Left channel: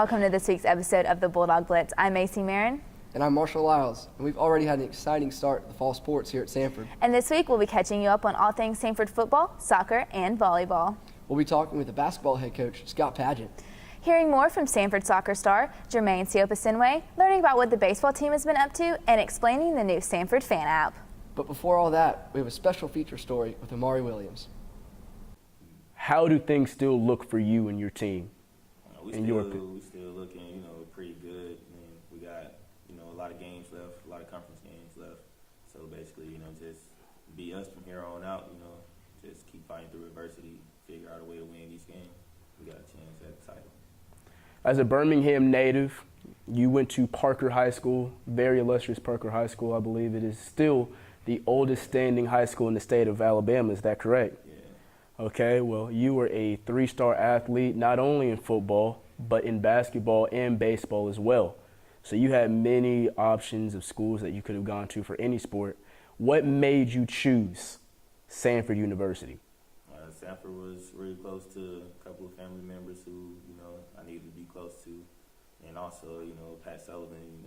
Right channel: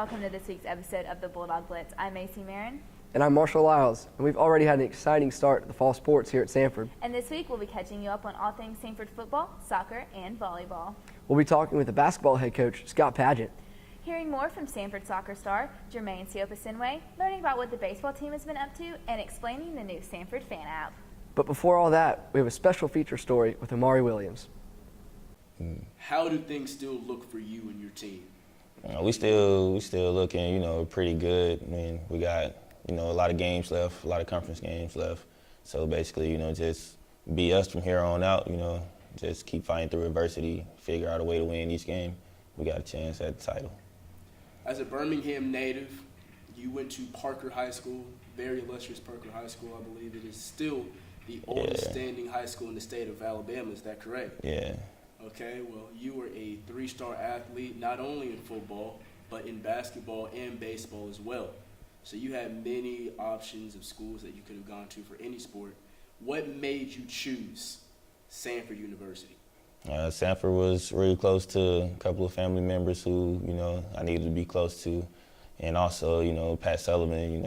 welcome to this week's episode of the Bulldog Blitz. I'm Macy Marin. And I'm Marshall Lyles, and we've already had an exciting start to the fall sports here at Samford. And this week we'll be catching you up on all things Samford football, soccer, and volleyball. We'll be talking with the basketball head coach, Scott Pageant. Hearing more from Samford soccer star Jermaine Siopa-Sinway, learning about what the baseball team has been up to, and explaining the new Samford fan app. But before all that, we have a special feature story with Amari Williams. How do things still look for you and your team? We still looking, pretty good. I mean, we got, a lot of games left, a lot of conference games left. So basically, just be us from here on out, just keep fighting through adversity, figure out a way to win each game. We got a chance at the title. As a Birmingham native, you went to Parker High School, very illustrious Parker High School. I believe it is still the oldest standing high school in the state of Alabama. Is that correct? Yeah. Okay, well, you were a three-star athlete, not only in football, but in basketball and baseball as well. So you had many options of schools that you could have gone to for any sport. What made you choose Samford University? Samford was really close to a couple of family members who, I needed to be close to. And also, Pat Sullivan,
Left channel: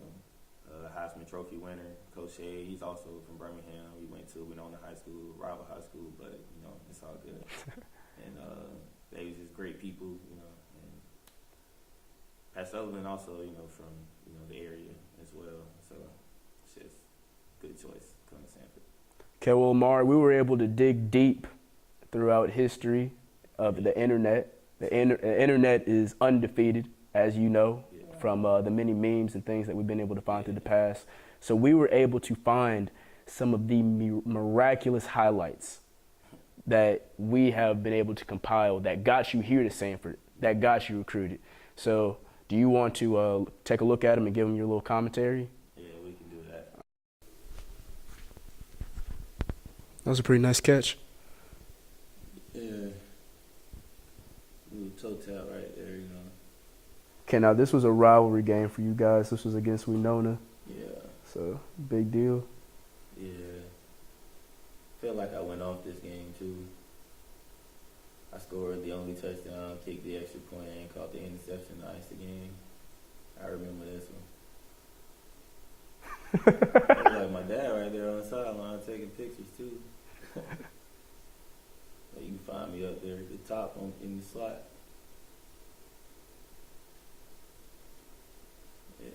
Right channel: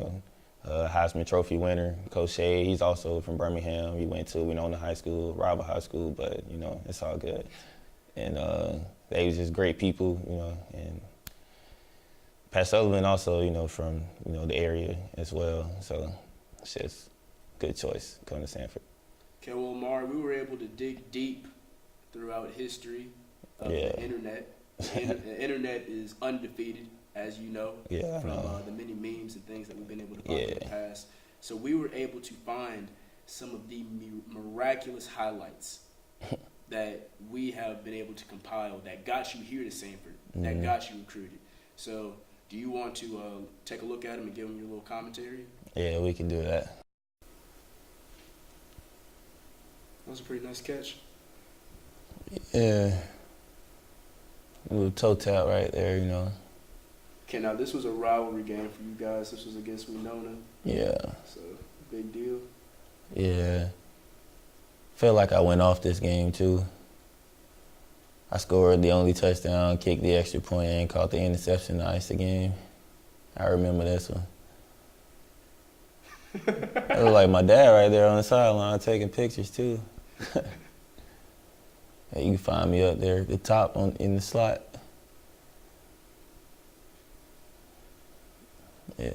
Heisman Trophy winner, Coach Shea, he's also from Birmingham. He went to Winona High School, rival high school, but, it's all good. And they was just great people, and Pat Sullivan also, from, the area as well. So it's just a good choice coming to Samford. Okay, well, Amari, we were able to dig deep throughout history of the internet. The internet is undefeated, as you know, from the many memes and things that we've been able to find in the past. So we were able to find some of the miraculous highlights that we have been able to compile that got you here to Samford, that got you recruited. So do you want to take a look at them and give them your little commentary? Yeah, we can do that. That was a pretty nice catch. Yeah. A little toe tap right there, Okay, now this was a rivalry game for you guys. This was against Winona. Yeah. So, big deal. Yeah. Felt like I went off this game, too. I scored the only touchdown, kicked the extra point, and caught the interception to ice the game. I remember this one. It was like my dad right there on the sideline taking pictures, too. You can find me up there at the top in the slot. Yeah.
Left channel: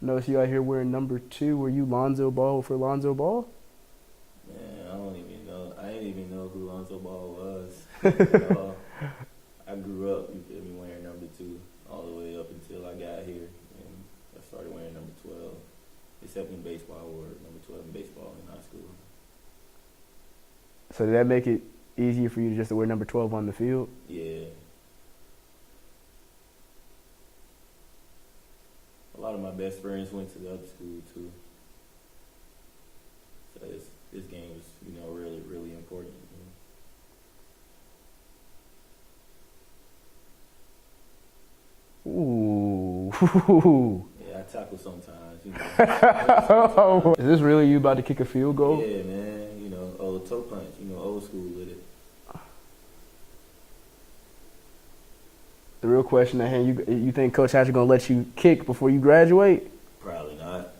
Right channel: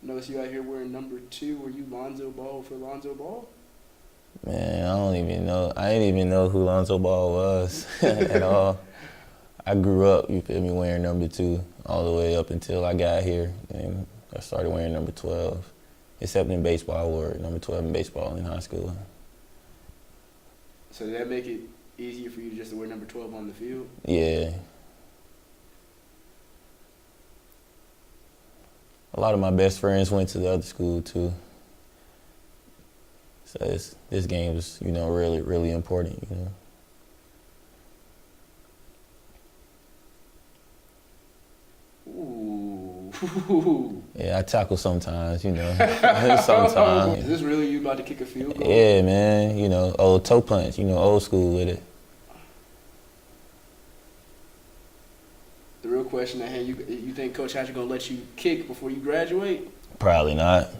Notice you out here wearing number 2. Were you Lonzo Ball for Lonzo Ball? Man, I don't even know. I didn't even know who Lonzo Ball was at all. I grew up, wearing number 2 all the way up until I got here. And I started wearing number 12, except in baseball. I wore number 12 in baseball in high school. So did that make it easier for you to just wear number 12 on the field? Yeah. A lot of my best friends went to the other school too. So this game was, really, really important, Ooh. Yeah, I tackle sometimes, sometimes. Is this really you about to kick a field goal? Yeah, man, old toe punch, old school with it. The real question at hand, you think Coach Hatcher going to let you kick before you graduate? Probably not.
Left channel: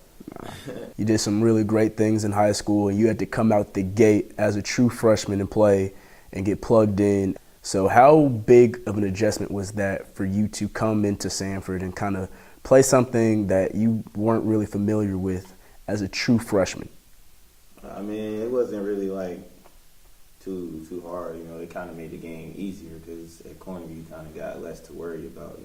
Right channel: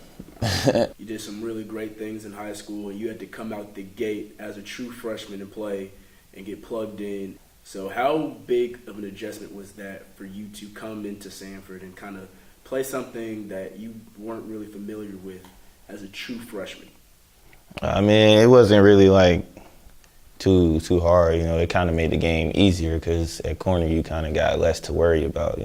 You did some really great things in high school, and you had to come out the gate as a true freshman and play and get plugged in. So how big of an adjustment was that for you to come into Samford and kind of play something that you weren't really familiar with as a true freshman? I mean, it wasn't really too hard. It kind of made the game easier because at corner you kind of got less to worry about.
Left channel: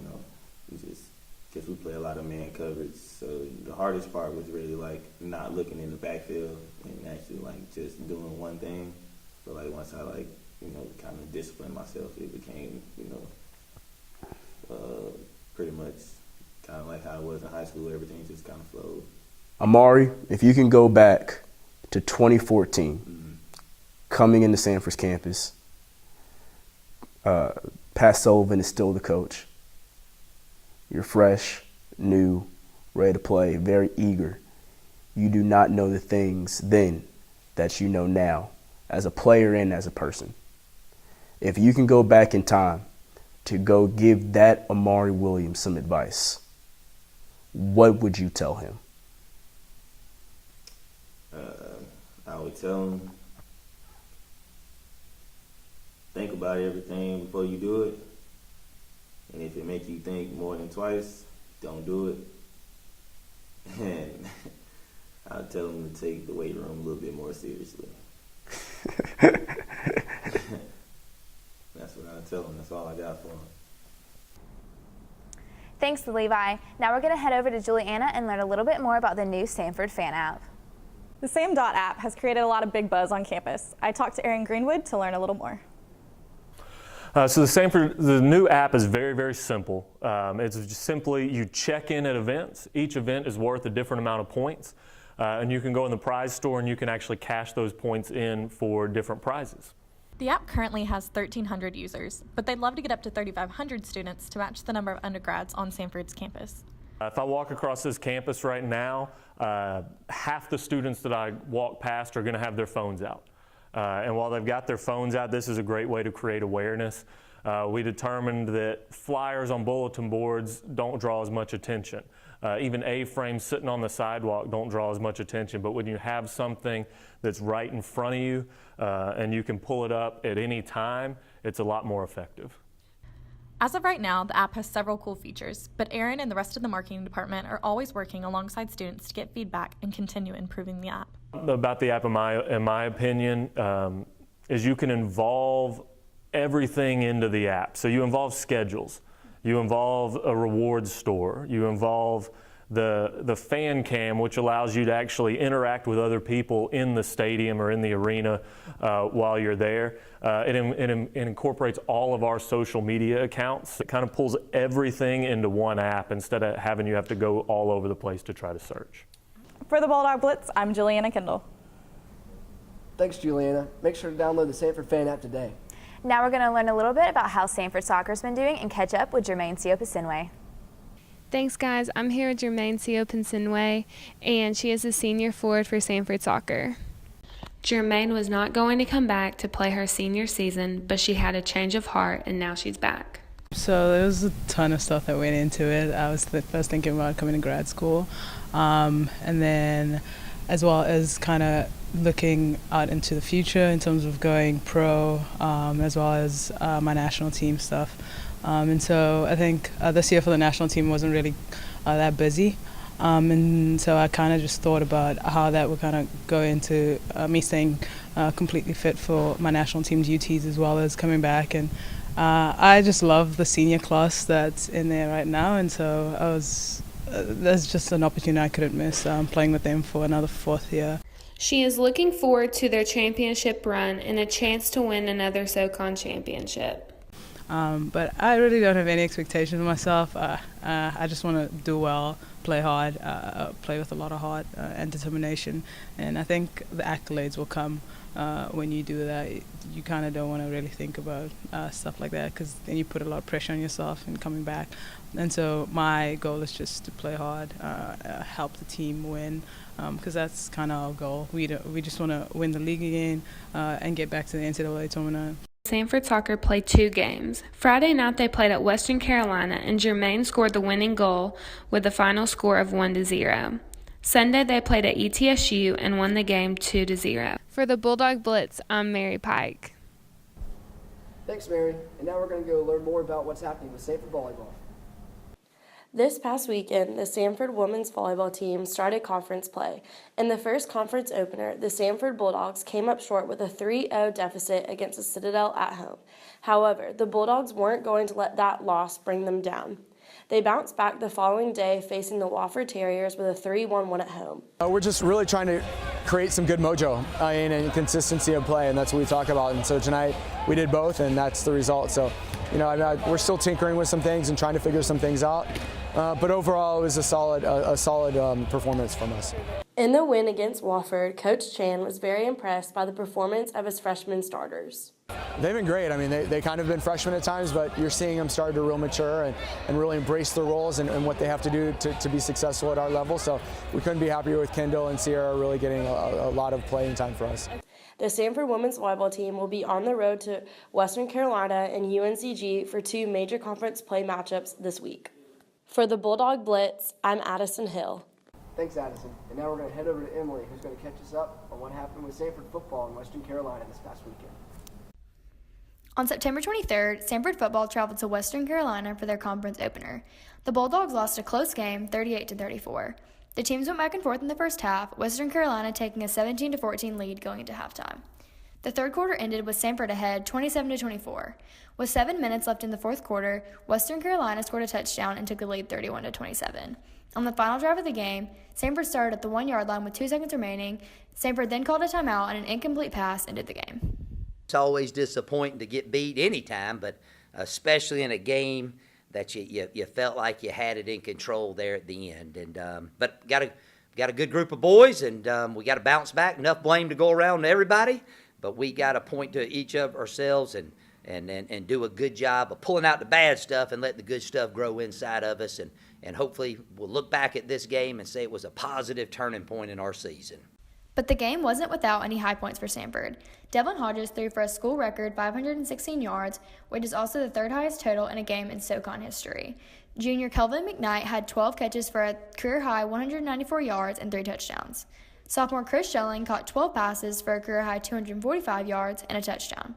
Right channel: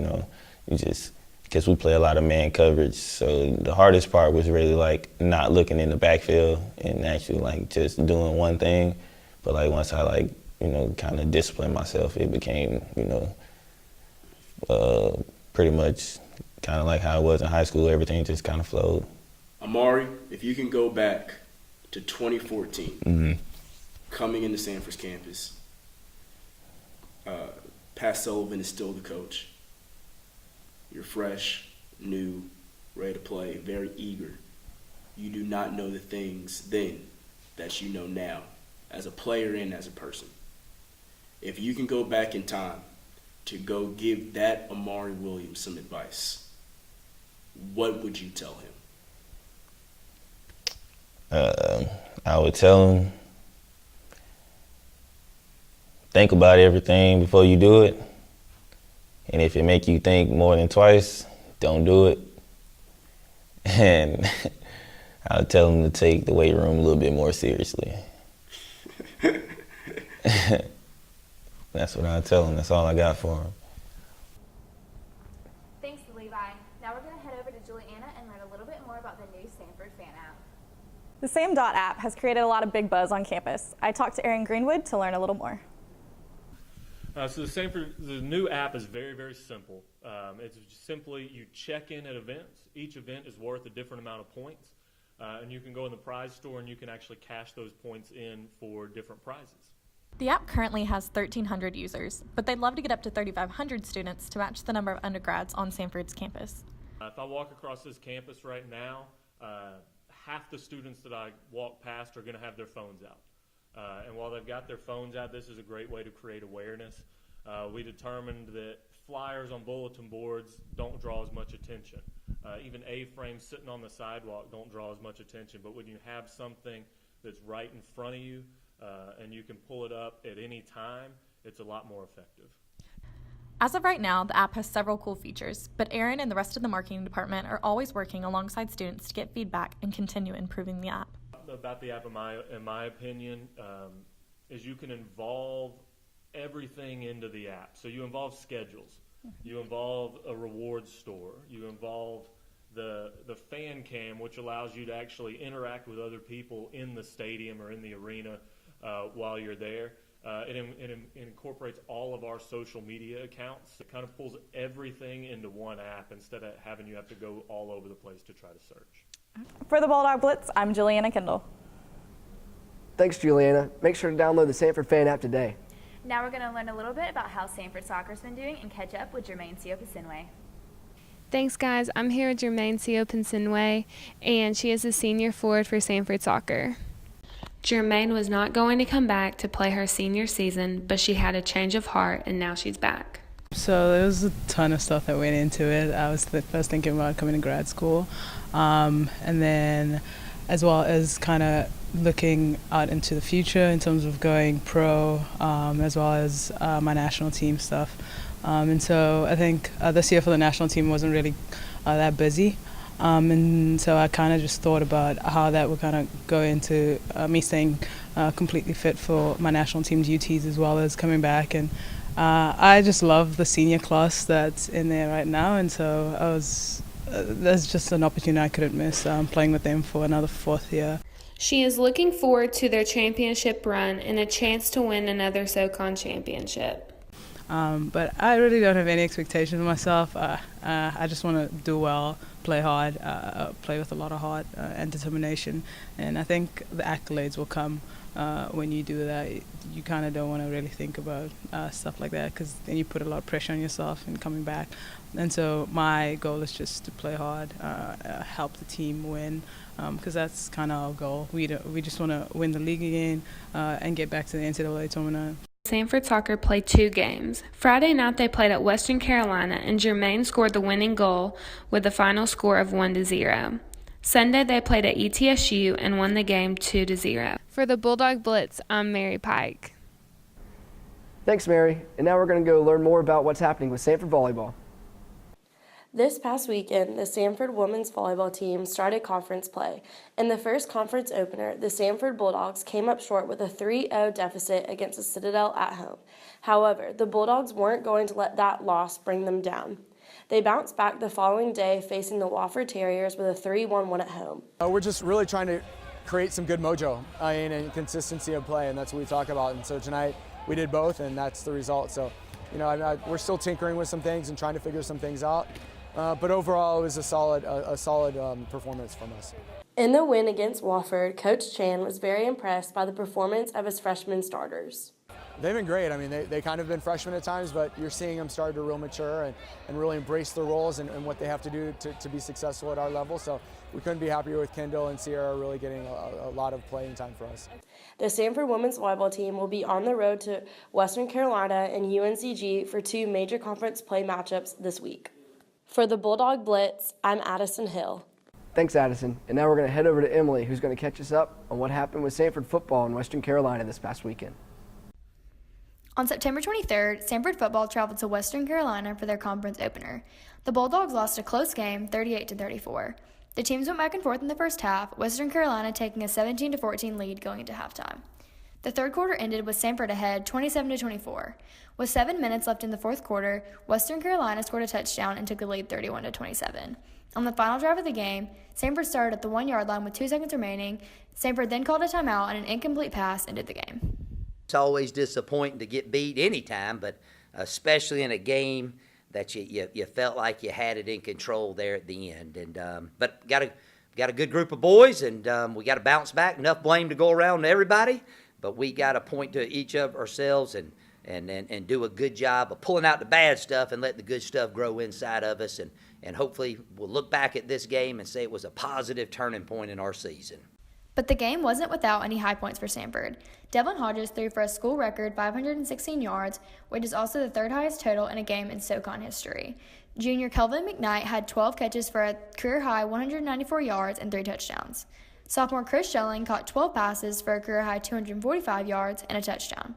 Because we play a lot of man coverage. So the hardest part was really not looking in the backfield and actually just doing one thing. But once I kind of disciplined myself, it became, pretty much kind of like how it was in high school. Everything just kind of flowed. Amari, if you can go back to 2014, coming into Samford's campus, Pat Sullivan is still the coach. You're fresh, new, ready to play, very eager. You do not know the things then that you know now as a player and as a person. If you can go back in time to go give that Amari Williams some advice, what would you tell him? I would tell him, think about everything before you do it. And if it make you think more than twice, don't do it. And I would tell him to take the weight room a little bit more seriously. That's what I'd tell him. That's all I got for him. Thanks, Levi. Now we're going to head over to Juliana and learn a little bit more about the new Samford fan app. The Sam.Dot app has created a lot of big buzz on campus. I talked to Aaron Greenwood to learn a little more. So the new app is very, very simple. It's just simply you check in at events. Each event is worth a different amount of points. And you can go in the prize store and you can actually cash those points in for different prizes. The app currently has 1,300 users, but they'd love to get up to 3,500 students to match the number of undergrads on Samford's campus. If I walk across this campus right now, half the students that I walk past are going to have their phones out. And while they've got their phones out, this is a great way to create awareness. We determined that flyers on bulletin boards don't draw as much attention. Even A-frames sitting on the sidewalk don't draw as much attention, but when you have something that's right in front of you and you can pull it up at any time, it's a lot more effective. As of right now, the app has several cool features, but Aaron and the rest of the marketing department are always working alongside students to get feedback and continue improving the app. About the app, in my opinion, is you can involve everything into the app. So you involve schedules, you involve a rewards store, you involve the fan cam, which allows you to actually interact with other people in the stadium or in the arena while you're there. It incorporates all of our social media accounts. It kind of pulls everything into one app instead of having you have to go all over the place to try to search. For the Bulldog Blitz, I'm Juliana Kendall. Thanks, Juliana. Make sure to download the Samford fan app today. Now we're going to learn a little bit about how Samford soccer's been doing and catch up with Jermaine Siopasinwe. Thanks, guys. I'm here with Jermaine Siopasinwe, and she is a senior forward for Samford Soccer. Jermaine was not going to come back to play her senior season, but she had a change of heart, and now she's back. So there was a ton of stuff that went into it. I was first thinking about coming to grad school, and then as well as kind of looking out into the future in terms of going pro, as well as my national team stuff. And so I think this year for the national team wasn't really that busy. And so I kind of just thought about how that would kind of go into me staying completely fit for my national team duties as well as coming back. And I just love the senior class that's in there right now. And so I was, that's just an opportunity I couldn't miss, playing with them for another fourth year. She is looking forward to their championship run and a chance to win another SoCon championship. But I really don't have any expectations of myself. I just want to do well, play hard, play with a lot of heart and determination. And I think the accolades will come when you do that. You kind of don't want to really think about stuff like that because then you put a lot of pressure on yourself in coming back. And so my goal is just to play hard, help the team win, because that's kind of our goal. We just want to win the league again and get back to the NCAA tournament. Samford Soccer played 2 games. Friday night they played at Western Carolina and Jermaine scored the winning goal with a final score of 1-0. Sunday they played at ETSU and won the game 2-0. For the Bulldog Blitz, I'm Mary Pike. Thanks, Mary. And now we're going to go learn more about what's happening with Samford volleyball. This past weekend, the Samford women's volleyball team started conference play. In the first conference opener, the Samford Bulldogs came up short with a 3-0 deficit against the Citadel at home. However, the Bulldogs weren't going to let that loss bring them down. They bounced back the following day, facing the Wofford Terriers with a 3-1 win at home. We're just really trying to create some good mojo and consistency of play, and that's what we talk about. And so tonight we did both, and that's the result. So, you know, we're still tinkering with some things and trying to figure some things out. But overall, it was a solid performance from us. In the win against Wofford, Coach Chan was very impressed by the performance of his freshman starters. They've been great. I mean, they kind of been freshmen at times, but you're seeing them start to real mature and really embrace the roles and what they have to do to be successful at our level. So we couldn't be happier with Kendall and Sierra really getting a lot of playing time for us. The Samford women's volleyball team will be on the road to Western Carolina and UNCG for 2 major conference play matchups this week. For the Bulldog Blitz, I'm Addison Hill. Thanks, Addison. And now we're going to head over to Emily, who's going to catch us up on what happened with Samford football in Western Carolina this past weekend. On September 23rd, Samford football traveled to Western Carolina for their conference opener. The Bulldogs lost a close game, 38-34. The teams went back and forth in the first half, Western Carolina taking a 17-14 lead going into halftime. The third quarter ended with Samford ahead 27-24. With 7 minutes left in the fourth quarter, Western Carolina scored a touchdown and took the lead 31-27. On the final drive of the game, Samford started at the 1-yard line with 2 seconds remaining. Samford then called a timeout and an incomplete pass ended the game. It's always disappointing to get beat anytime, but especially in a game that you felt like you had it in control there at the end. And but got a good group of boys, and we got to bounce back. Enough blame to go around to everybody, but we got to point to each of ourselves and do a good job of pulling out the bad stuff and let the good stuff grow inside of us. And hopefully we'll look back at this game and say it was a positive turning point in our season. But the game wasn't without any high points for Samford. Devlin Hodges threw for a school record 516 yards, which is also the third highest total in a game in SoCon history. Junior Kelvin McKnight had 12 catches for a career-high 194 yards and 3 touchdowns. Sophomore Chris Schelling caught 12 passes for a career-high 245 yards and a touchdown.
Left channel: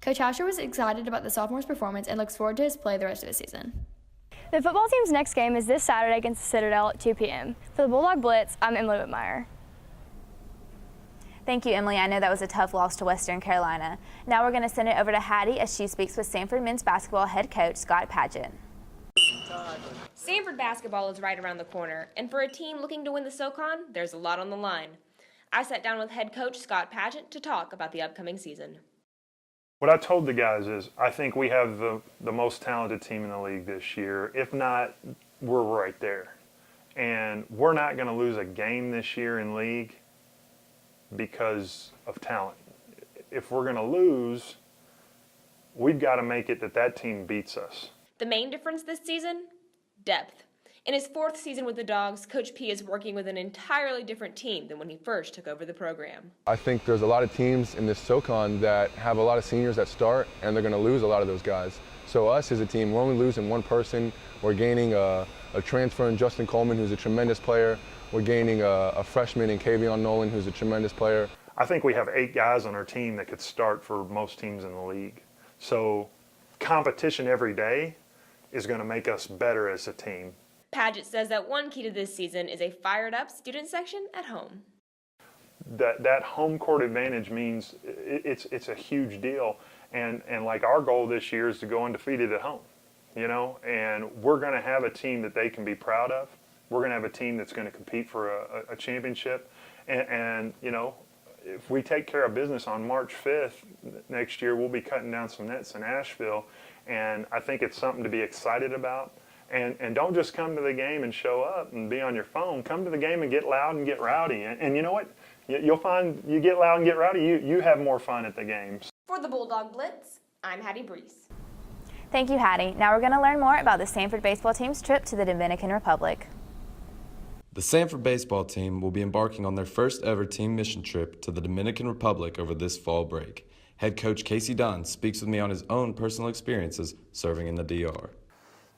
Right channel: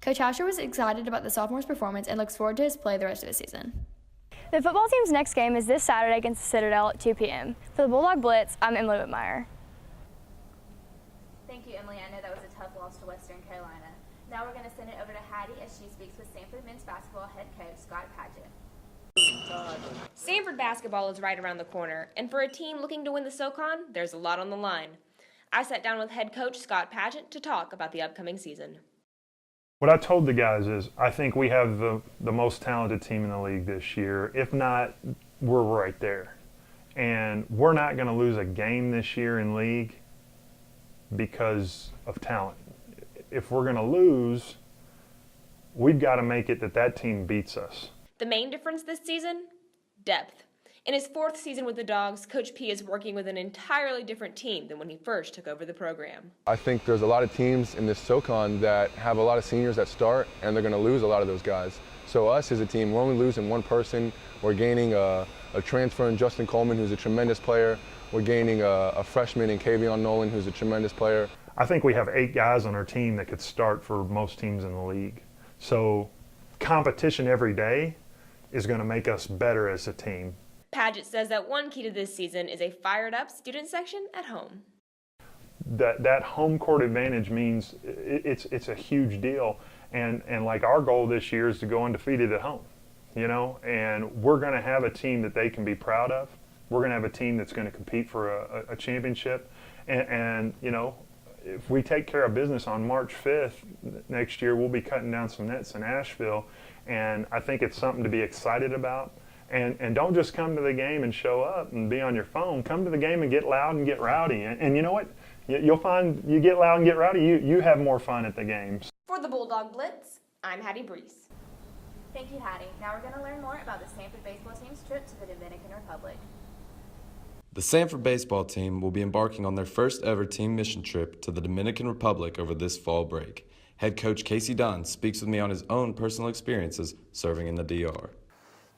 Coach Asher was excited about the sophomore's performance and looks forward to his play the rest of the season. The football team's next game is this Saturday against the Citadel at 2 p.m. For the Bulldog Blitz, I'm Emily Whitmire. Thank you, Emily. I know that was a tough loss to Western Carolina. Now we're going to send it over to Hattie as she speaks with Samford men's basketball head coach Scott Padgett. Samford basketball is right around the corner, and for a team looking to win the SoCon, there's a lot on the line. I sat down with head coach Scott Padgett to talk about the upcoming season. What I told the guys is I think we have the most talented team in the league this year. If not, we're right there. And we're not going to lose a game this year in league because of talent. If we're going to lose, we've got to make it that team beats us. The main difference this season? Depth. In his 4th season with the Dogs, Coach P is working with an entirely different team than when he first took over the program. I think there's a lot of teams in this SoCon that have a lot of seniors that start, and they're going to lose a lot of those guys. So us as a team, we're only losing one person. We're gaining a transfer in Justin Coleman, who's a tremendous player. We're gaining a freshman in Kavion Nolan, who's a tremendous player. I think we have 8 guys on our team that could start for most teams in the league. So competition every day is going to make us better as a team. Padgett says that one key to this season is a fired-up student section at home. That home court advantage means it's a huge deal, and like our goal this year is to go undefeated at home, you know, and we're going to have a team that they can be proud of. We're going to have a team that's going to compete for a championship, and you know, if we take care of business on March 5th next year, we'll be cutting down some nets in Asheville, and I think it's something to be excited about. And don't just come to the game and show up and be on your phone. Come to the game and get loud and get rowdy. And you know what? You'll find you get loud and get rowdy, you have more fun at the games. For the Bulldog Blitz, I'm Hattie Brees. Thank you, Hattie. Now we're going to learn more about the Samford baseball team's trip to the Dominican Republic. The Samford baseball team will be embarking on their first ever team mission trip to the Dominican Republic over this fall break. Head coach Casey Dunn speaks with me on his own personal experiences serving in the DR.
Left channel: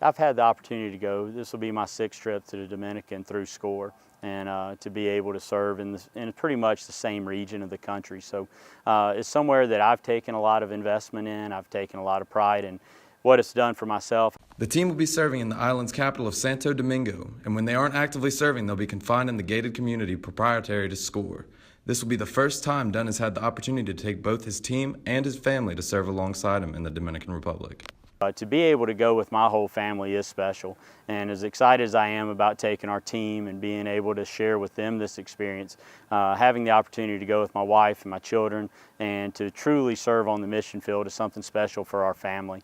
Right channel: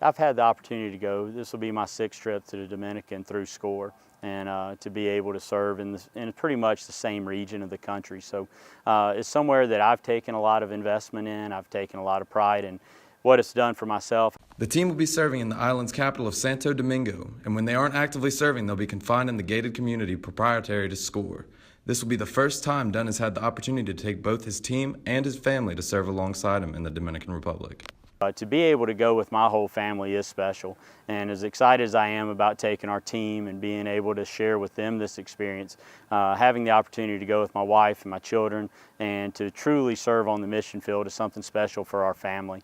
I've had the opportunity to go. This will be my 6th trip to the Dominican through SCORE, and to be able to serve in pretty much the same region of the country. So it's somewhere that I've taken a lot of investment in. I've taken a lot of pride in what it's done for myself. The team will be serving in the island's capital of Santo Domingo, and when they aren't actively serving, they'll be confined in the gated community proprietary to SCORE. This will be the first time Dunn has had the opportunity to take both his team and his family to serve alongside him in the Dominican Republic. To be able to go with my whole family is special, and as excited as I am about taking our team and being able to share with them this experience, having the opportunity to go with my wife and my children and to truly serve on the mission field is something special for our family.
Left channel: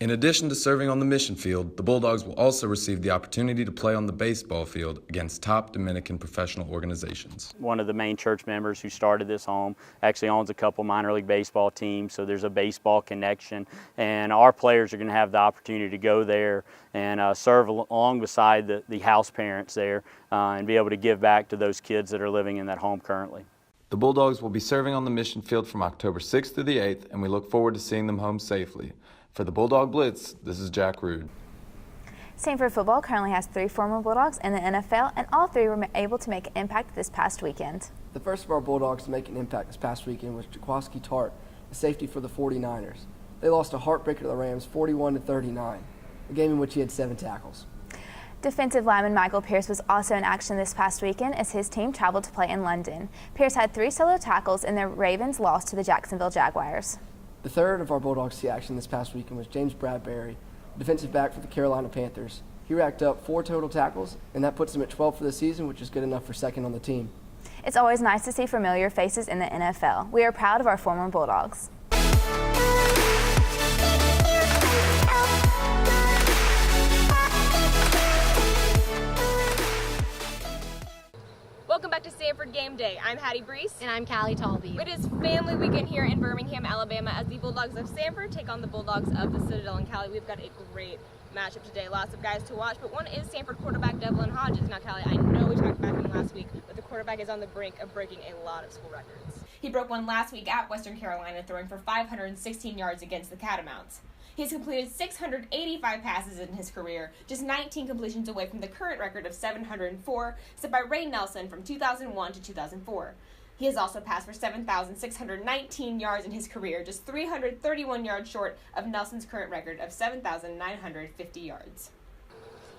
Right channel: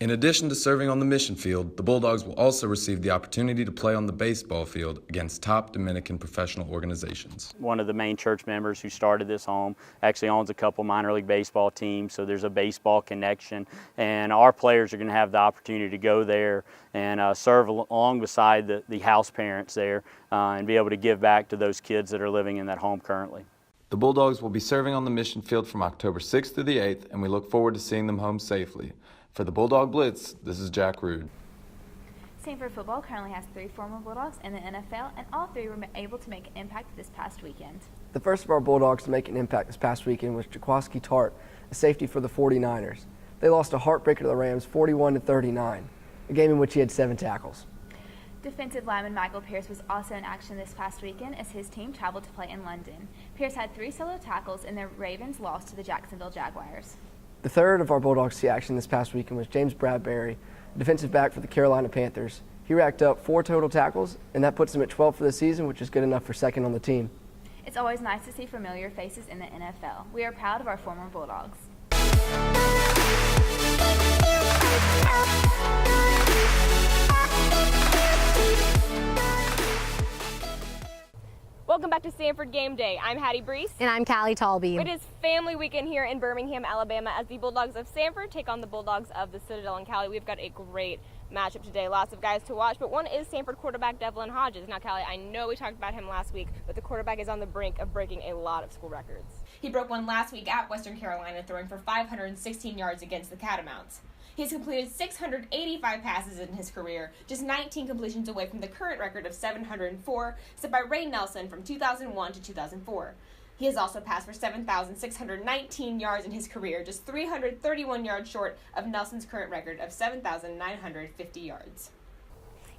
In addition to serving on the mission field, the Bulldogs will also receive the opportunity to play on the baseball field against top Dominican professional organizations. One of the main church members who started this home actually owns a couple minor league baseball teams, so there's a baseball connection, and our players are going to have the opportunity to go there and serve along beside the house parents there and be able to give back to those kids that are living in that home currently. The Bulldogs will be serving on the mission field from October 6th through the 8th, and we look forward to seeing them home safely. For the Bulldog Blitz, this is Jack Rude. Samford football currently has 3 former Bulldogs in the NFL, and all 3 were able to make an impact this past weekend. The first of our Bulldogs to make an impact this past weekend was Jaquaski Tart, a safety for the 49ers. They lost a heartbreaker to the Rams 41-39, a game in which he had 7 tackles. Defensive lineman Michael Pierce was also in action this past weekend as his team traveled to play in London. Pierce had 3 solo tackles and the Ravens lost to the Jacksonville Jaguars. The third of our Bulldogs to see action this past weekend was James Bradbury, defensive back for the Carolina Panthers. He racked up 4 total tackles, and that puts him at 12 for the season, which is good enough for second on the team. It's always nice to see familiar faces in the NFL. We are proud of our former Bulldogs. Welcome back to Samford Game Day. I'm Hattie Brees. And I'm Callie Talby. It is family weekend here in Birmingham, Alabama, as the Bulldogs of Samford take on the Bulldogs of the Citadel. And Callie, we've got a great matchup today. Lots of guys to watch, but one is Samford quarterback Devlin Hodges. Now, Callie, I know we talked about him last week, but the quarterback is on the brink of breaking a lot of school records. He broke one last week at Western Carolina, throwing for 516 yards against the Catamounts. He's completed 685 passes in his career, just 19 completions away from the current record of 704, set by Ray Nelson from 2001 to 2004. He has also passed for 7,619 yards in his career, just 331 yards short of Nelson's current record of 7,950 yards.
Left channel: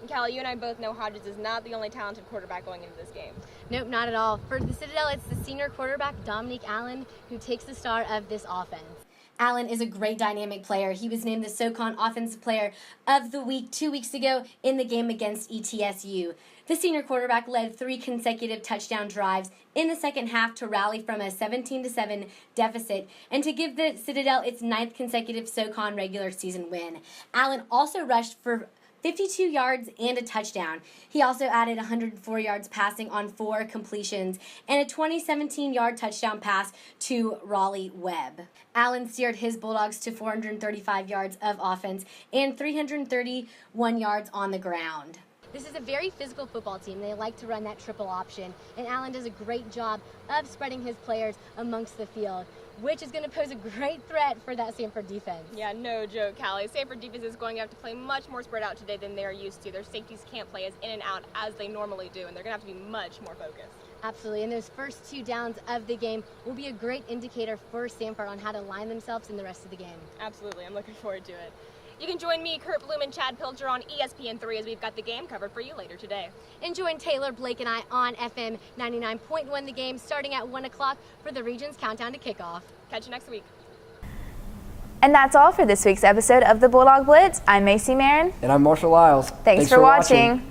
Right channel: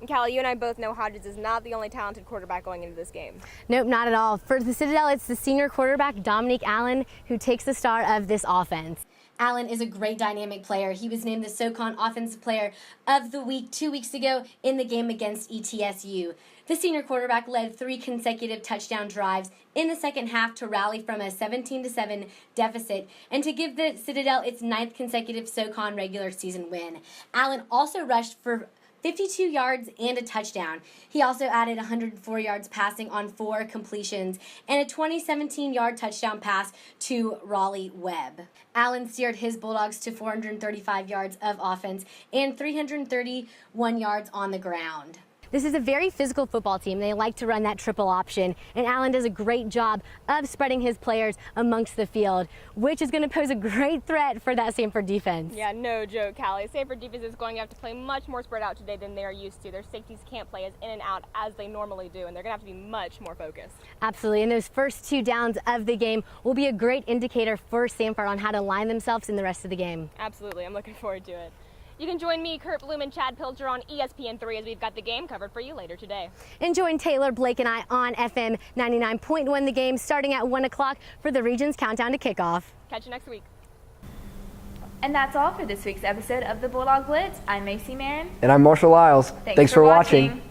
And Callie, you and I both know Hodges is not the only talented quarterback going into this game. Nope, not at all. For the Citadel, it's the senior quarterback, Dominique Allen, who takes the start of this offense. Allen is a great dynamic player. He was named the SoCon Offensive Player of the Week 2 weeks ago in the game against ETSU. The senior quarterback led 3 consecutive touchdown drives in the second half to rally from a 17-7 deficit and to give the Citadel its 9th consecutive SoCon regular season win. Allen also rushed for 52 yards and a touchdown. He also added 104 yards passing on 4 completions and a 17-yard touchdown pass to Raleigh Webb. Allen steered his Bulldogs to 435 yards of offense and 331 yards on the ground. This is a very physical football team. They like to run that triple option, and Allen does a great job of spreading his players amongst the field, which is going to pose a great threat for that Samford defense. Yeah, no joke, Callie. Samford defense is going to have to play much more spread out today than they're used to. Their safeties can't play as in and out as they normally do, and they're going to have to be much more focused. Absolutely, and those first 2 downs of the game will be a great indicator for Samford on how to line themselves in the rest of the game. Absolutely, I'm looking forward to it. You can join me, Kurt Bloom, and Chad Pilcher on ESPN3 as we've got the game covered for you later today. And join Taylor, Blake, and I on FM 99.1 The Game starting at 1 o'clock for the region's countdown to kickoff. Catch you next week. And that's all for this week's episode of the Bulldog Blitz. I'm Macy Marin. And I'm Marshall Lyles. Thanks for watching.